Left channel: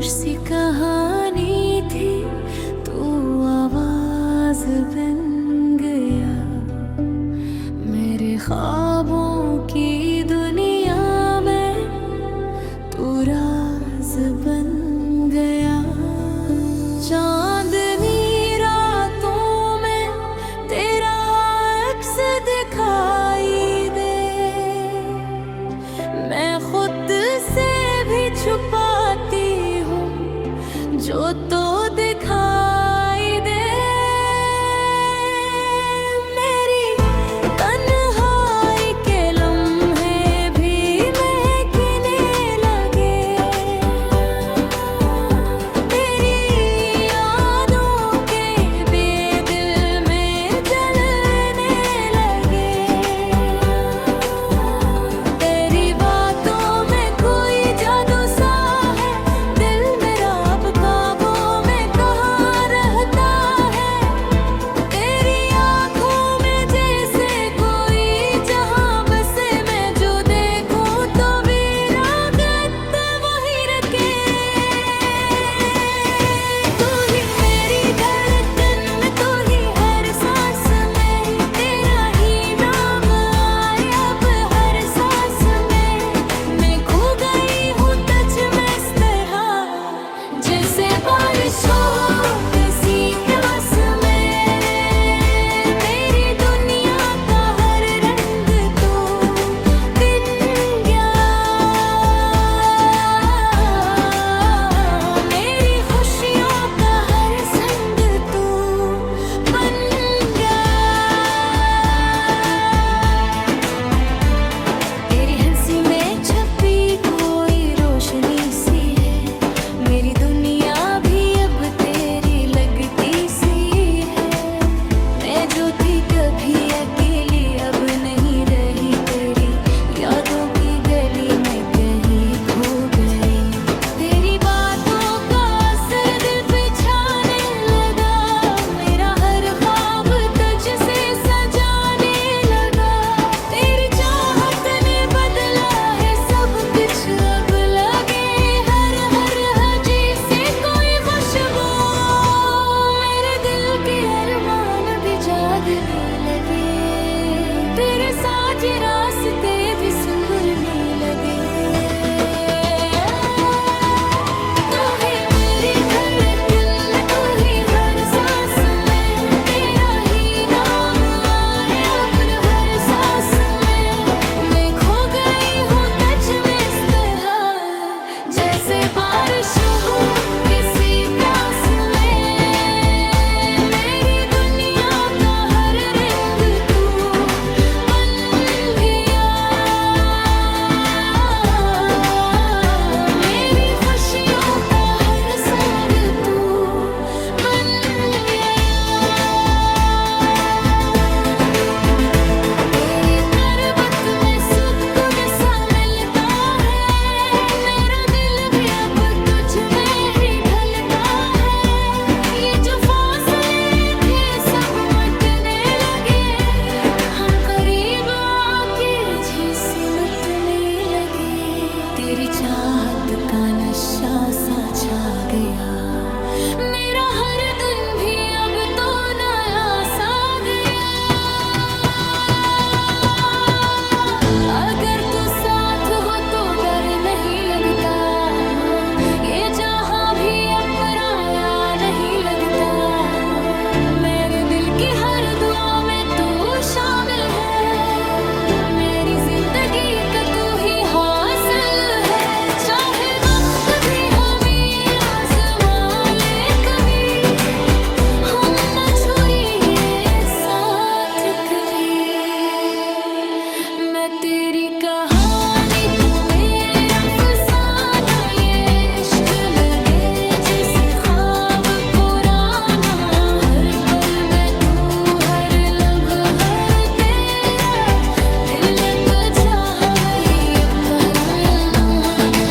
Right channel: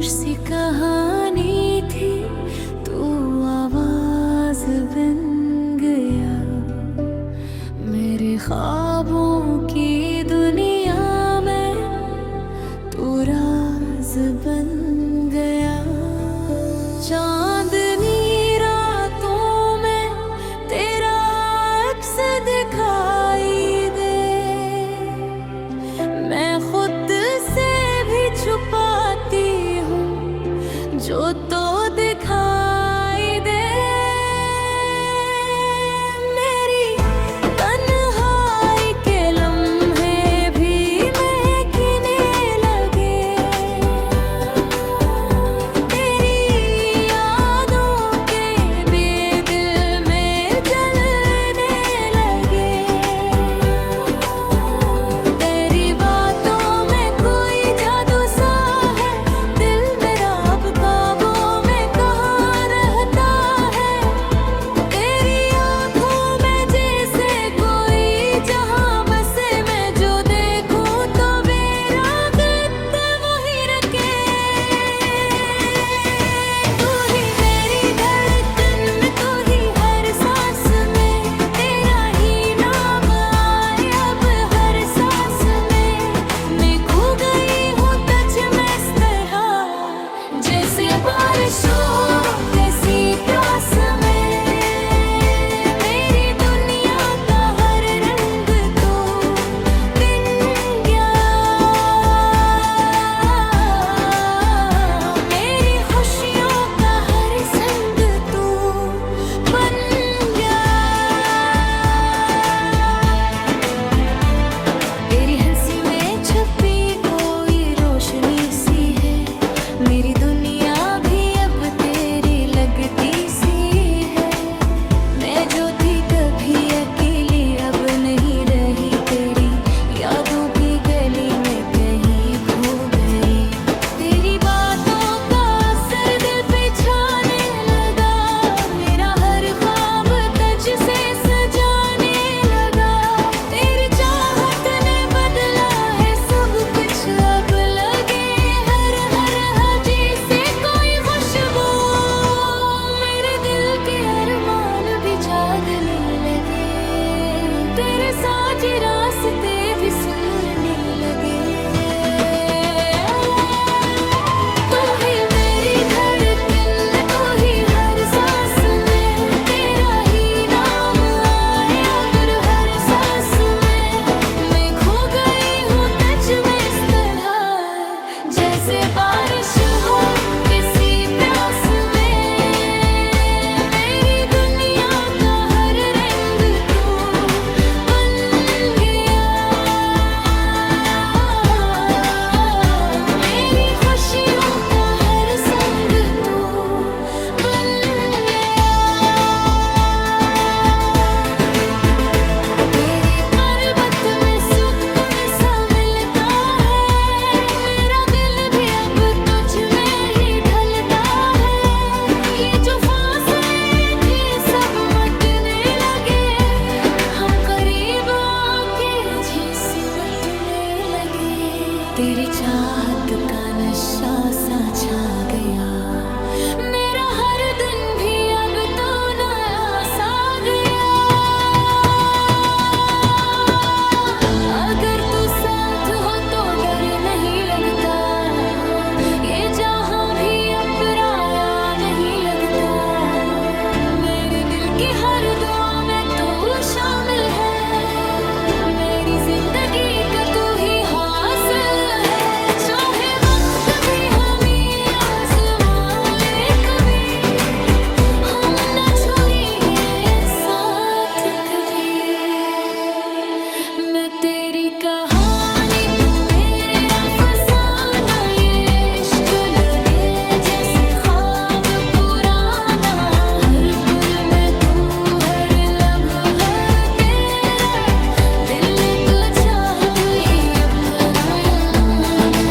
सी कहानी थी, तू आवाज बन गया मेरे ख्वाबों की दुनिया में, तू राज बन गया। चांदनी रातों में तेरा अक्स दिखाई दे, मैं खुद से भी छुपाती हूँ जो तो दिखाई दे। मेरी तन्हाई के लम्हे भी महकने लगे, तेरी यादों के बेदिल में जलने लगे। तेरी बातों में कोई जादू सा है, दिल मेरा अब काबू में कहाँ रहता है। तेरी आँखों में जैसे कोई जहाँ बसे, मैं जो देखूं तो मेरा गत वहीं रखे। तू ही मेरी धड़कन में, तू ही हर सांस में, तेरा ही नाम आए अब हर सांस में। मैं खो गई हूँ तुझ में इस तरह, जैसे बारिश हो किसी प्यास में। मेरी दुनिया का हर रंग तो बिन गया, मेरी खुशियों का हर संग तो बन गया। तेरी हंसी में छपी कोई रोशनी सी है, मेरी दुनिया भी अब तेरी लगती सी है। मैं जो थी कभी अकेली, अब नहीं रही, तेरी यादों की गली में कहीं खो गई। तेरी बातों का असर दिल पे छाने लगा, मेरा हर ख्वाब तुझ से सजाने लगा। तेरी चाहत ने बदला है सब कुछ, अब लगे हर हर हजी से कोई खुशबू। मेरे दिल के अरमान भी जागने लगे, तेरे साथ ये रास्ते भी सुनने लगे। तू ही मेरी धड़कन में, तू ही हर सांस में, तेरा ही नाम आए अब हर सांस में। मैं खो गई हूँ तुझ में इस तरह, जैसे बारिश हो किसी प्यास में। मेरी दुनिया का हर रंग तू बन गया, मेरी खुशियों का हर संग तू बन गया। तेरी करबत में सुकून सा मिलता है, मेरा दिल भी अब तुझ में ही ढलता है। ये जो फासले थे सब मिटने लगे, हम करीब आके जी सिमटने लगे। तेरी चाहत का नशा सा छा गया, मेरा हर दिन भी अब तो नया सा गया। अगर तू साथ हो तो डर नहीं लगता, ये जहां भी अब पराया नहीं लगता। मेरे दिल की हर दुआ में तू शामिल है, मेरी जिंदगी का तू ही हासिल है। चाहे वक्त भी हमें आजमा ले कभी, हम न छोड़िए साथ कभी। मैं तेरी कहानी, तू मेरा फसाना, ये इश्क लगे जैसे ख्वाब पुराना। हर पल में तू, हर लम्हा तेरा, दिल ने तो चाहा वही अब पराया ना।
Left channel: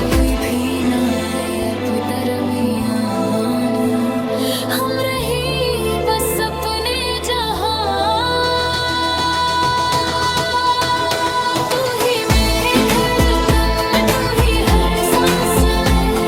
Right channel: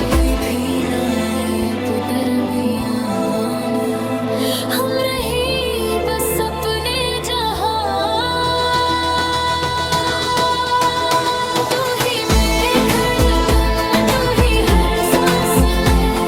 कोई भी ना आए अब दरमियान, हम रही बस अपने जहां। तू ही मेरी धड़कन में, तू ही हर सांस में,